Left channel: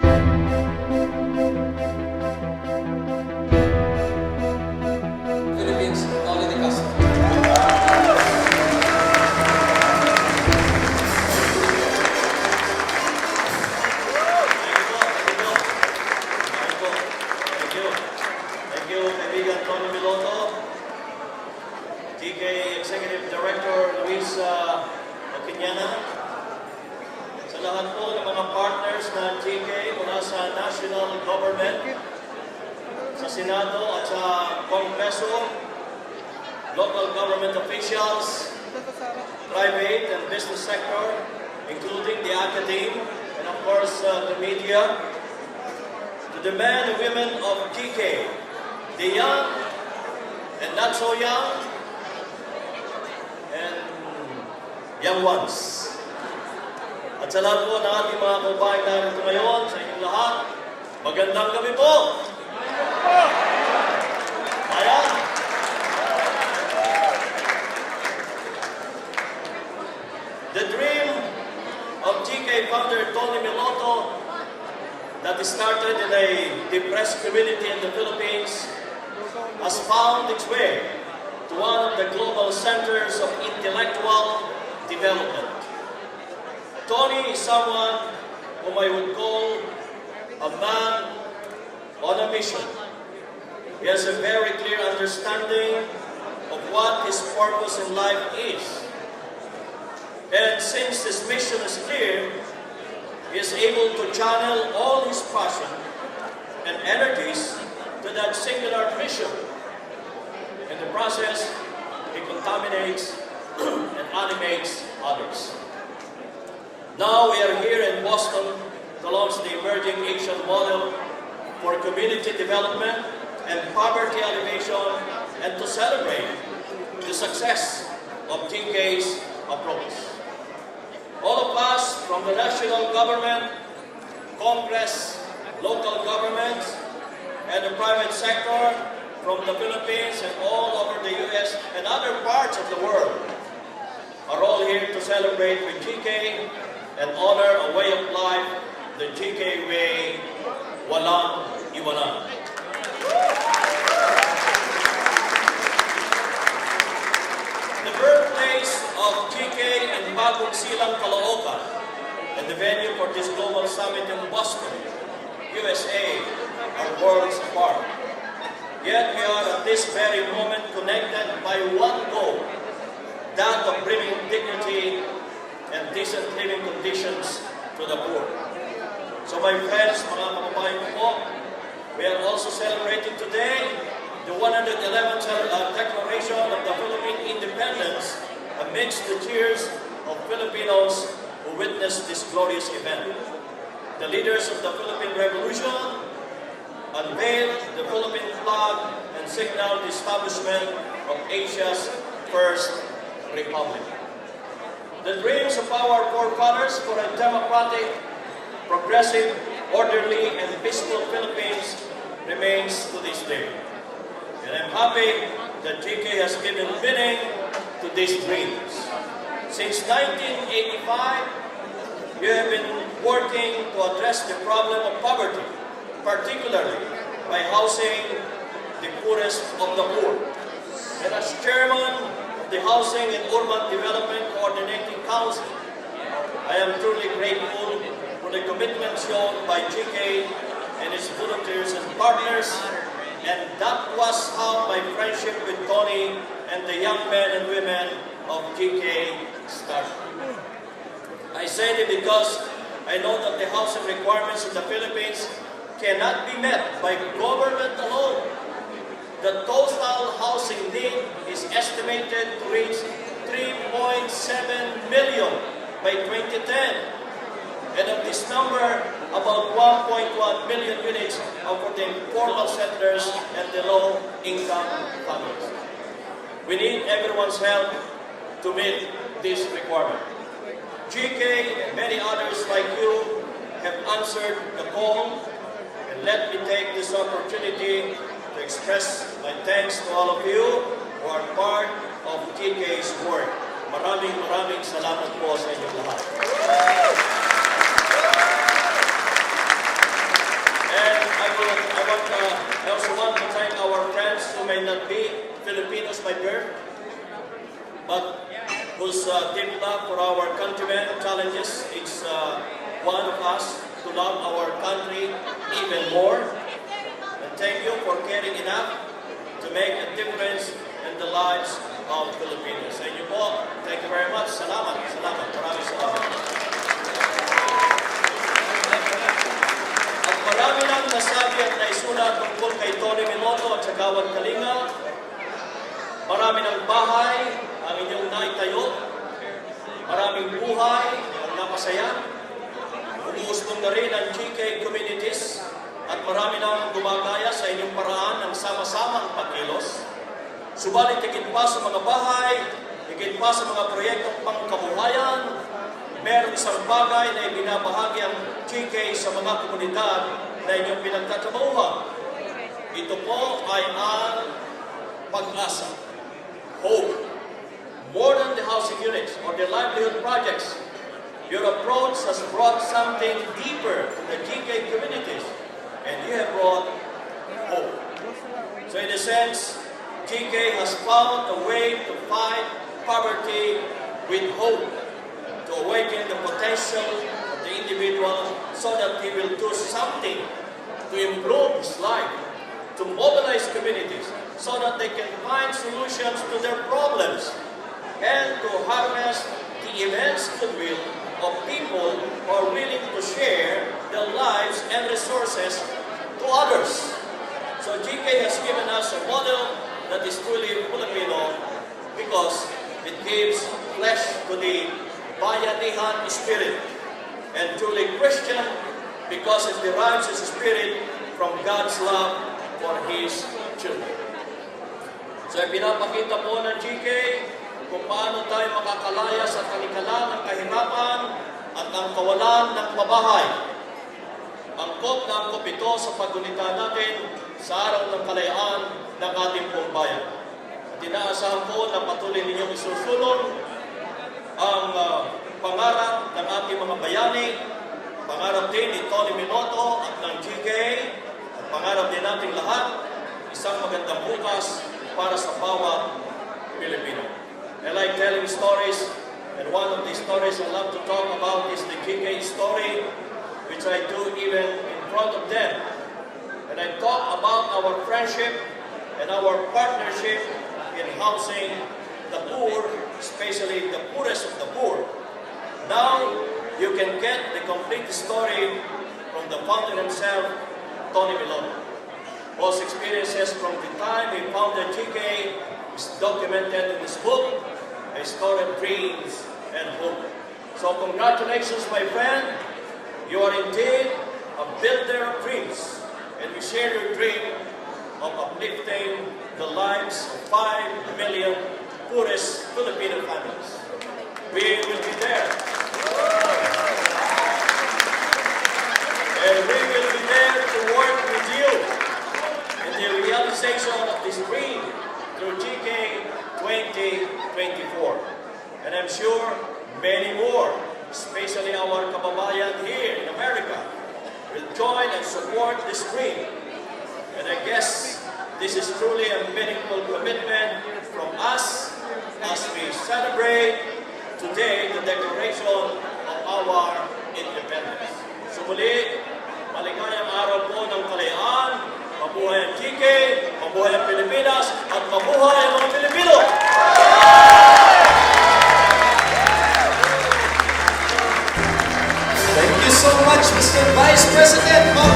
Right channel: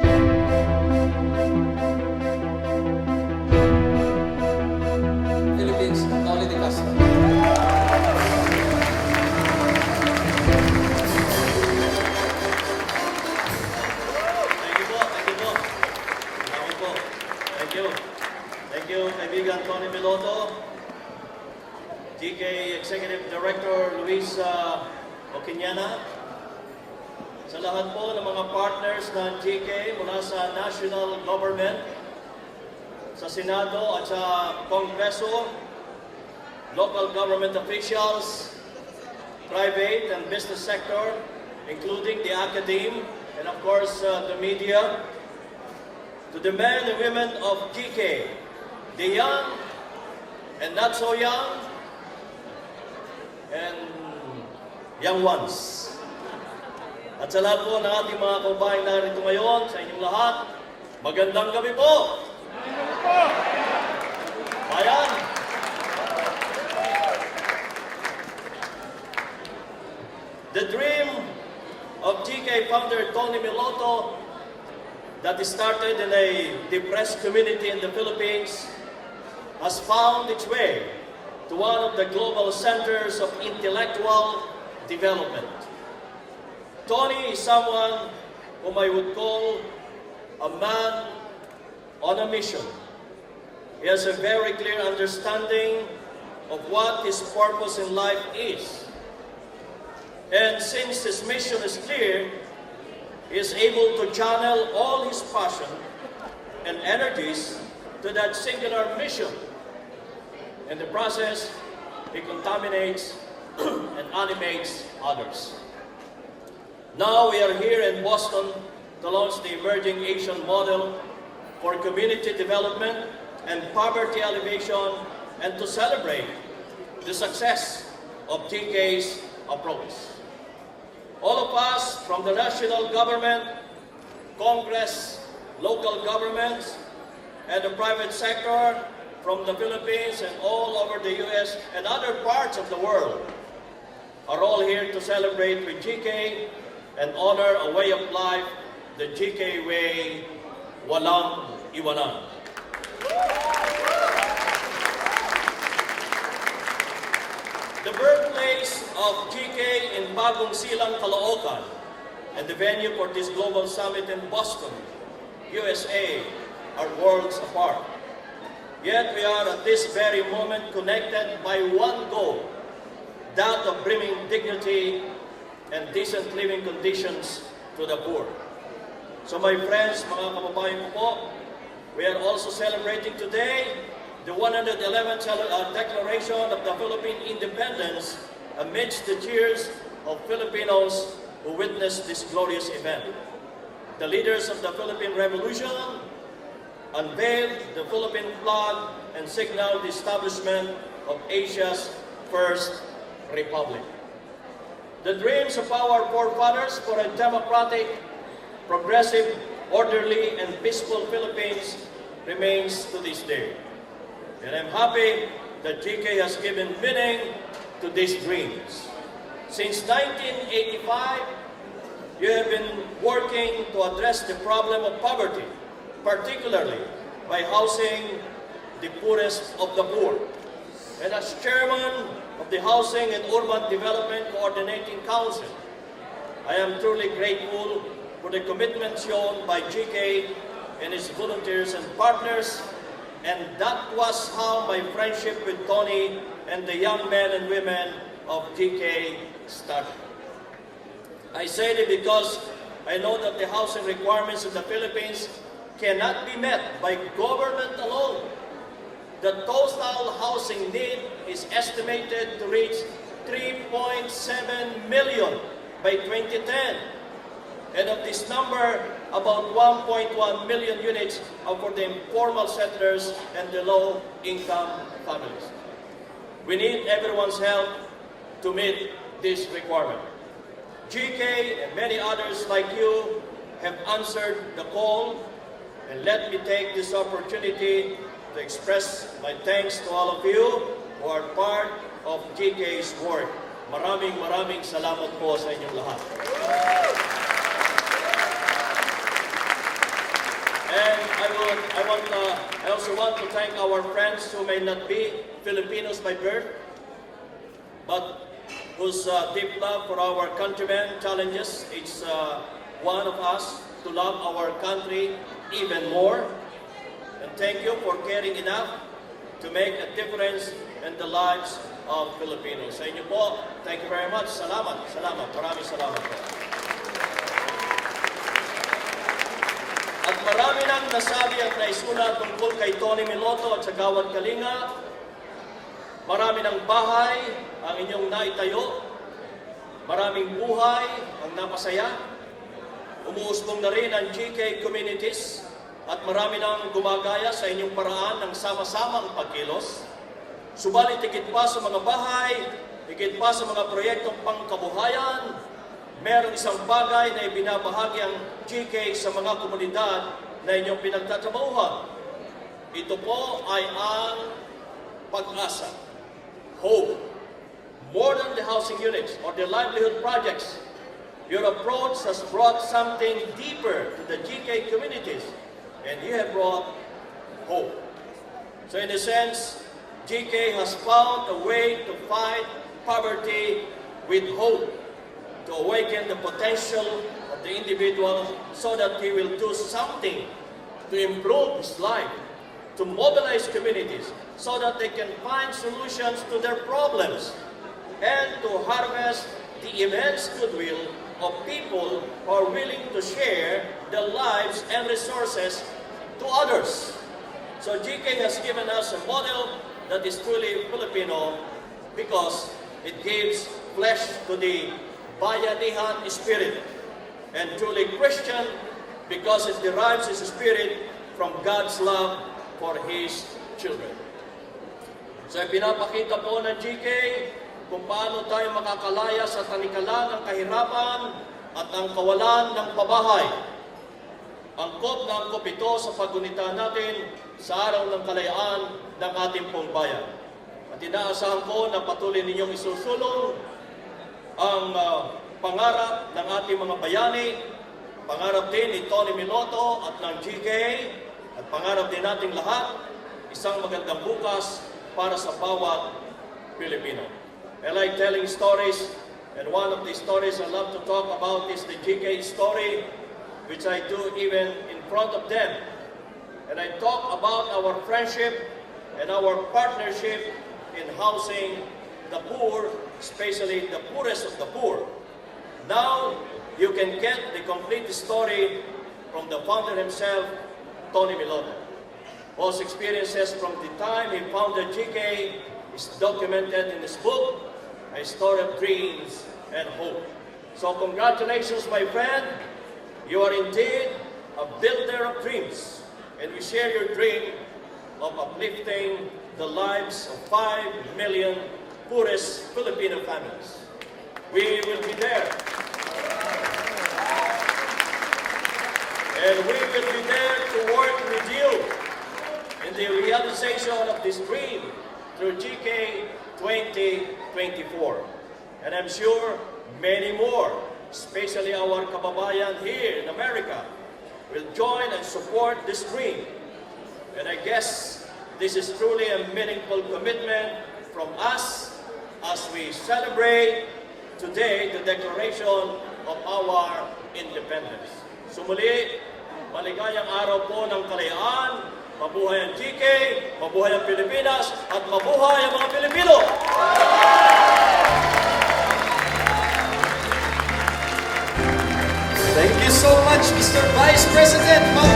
Philippines, Noli De Castro. Thank you, kaibigan Tony Miloto, GK Executive Director Luis Oquiñana, sa lahat po ng mga partners ng GK mula sa National Government, sa Senado at sa Kongreso, local government officials, private and business sector, including the academe, and of course the media, to the men and women of GK, the young and not so young, and young ones. At sa lahat po ng ating mga kababayan narito ngayon, sa inyong lahat, magandang gabi po! Ayan! The dream of GK founder Tony Miloto that started in a depressed community in the Philippines has found its way to one of the global centers of intellectual development. Tony is someone whom I would call a man on a mission. He has a very clear understanding of what his purpose in life is. And since his mission is clear, he is able to channel all his passion and energies to that singular mission. In the process, he contaminates and animates others. Now we are here in Boston to launch the Emerging Asian Model for Community Development and Poverty Alleviation, and to celebrate the success of GK's approach. All of us from the national government, Congress, local governments, and the private sector from the Philippines and all over the U.S. and other parts of the world are all here to celebrate with GK and honor a way of life, the GK way, walang iwanan. The birthplace of GK in Bagong Silang, Caloocan, and the venue for this global summit in Boston, USA, are worlds apart. Yet we are at this very moment connected by one goal, that of bringing dignity and decent living conditions to the poor. So my friends, mga kababayan po, we are also celebrating today the 111th declaration of the Philippine independence amidst the cheers of Filipinos who witnessed this glorious event. The leaders of the Philippine Revolution unveiled the Philippine flag and signaled the establishment of Asia's first republic. The dreams of our forefathers for a democratic, progressive, orderly, and peaceful Philippines remains to this day. And I'm happy that GK has given meaning to these dreams. Since 1985, you have been working to address the problem of poverty, particularly by housing the poorest of the poor. And as chairman of the Housing and Urban Development Coordinating Council, I am truly grateful for the commitment shown by GK and its volunteers and partners, and that was how my friendship with Tony and the young men and women of GK started. I say it because I know that the housing requirements in the Philippines cannot be met by government alone. The total housing need is estimated to reach 3.7 million by 2010. And of this number, about 1.1 million units are for the informal settlers and the low-income families. We need everyone's help to meet this requirement. GK and many others like you have answered the call, and let me take this opportunity to express my thanks to all of you who are part of GK's work. Maraming salamat po sa inyong lahat. I also want to thank our friends who may not be Filipinos by birth, but whose deep love for our countrymen challenges each one of us to love our country even more. And thank you for caring enough to make a difference in the lives of Filipinos. Sa inyo po, thank you very much. Salamat. Maraming salamat. At marami nang nasabi at naisulat tungkol kay Tony Minoto at sa Gawad Kalinga. Marami ng bahay ang inyong naitayo. Maraming buhay ang napasaya. Umuusbong na rin ang GK communities at marami lang gumagaya sa inyong paraan ng sama-samang pagkilos. Subalit higit pa sa mga bahay, higit pa sa mga proyektong pangkabuhayan, meron isang bagay na ibinabahagi ang GK sa mga komunidad na inyong pinagtatrabahuhan. Ito po ay ang pag-asa, hope. More than the housing units or the livelihood projects, your approach has brought something deeper to the GK communities, and you have brought hope. So in a sense, GK has found a way to fight poverty with hope, to awaken the potential of the individual so that he will do something to improve his life, to mobilize communities so that they can find solutions to their problems, and to harness the immense goodwill of people who are willing to share their lives and resources to others. So GK has given us a model that is truly Filipino because it gives flesh to the bayanihan spirit, and truly Christian because it derives its spirit from God's love for His children. So pinapakita po ng GK kung paano tayo makakalaya sa talikalang ng kahirapan at ang kawalan ng pabahay. Angkop na angkop ito sa paggunita natin sa araw ng kalayaan ng ating pong bayan. At inaasahan ko na patuloy ninyong isusulong ang pangarap ng ating mga bayani, pangarap din ni Tony Minoto at ng GK, at pangarap din nating lahat, isang magandang bukas para sa bawat Pilipino. I like telling stories, and one of the stories I love to talk about is the GK story, which I do even in front of them. And I talk about our friendship and our partnership in housing the poor, especially the poorest of the poor. Now, you can get the complete story from the founder himself, Tony Minoto. Whose experiences from the time he founded GK is documented in his book, A Story of Dreams and Hope. So congratulations, my friend. You are indeed a builder of dreams, and we share your dream of uplifting the lives of 5 million poorest Filipino families. We will be there. And we will be there to work with you in the realization of this dream through GK 2024. And I'm sure many more, especially our kababayan here in America, will join and support this dream. And I guess this is truly a meaningful commitment from us as we celebrate today the declaration of our independence. So muli, maligayang araw po ng kalayaan. Mabuhay ang GK, mabuhay ang Pilipinas, at mabuhay ang mga Pilipino! Thank you so much, Mr. Vice President.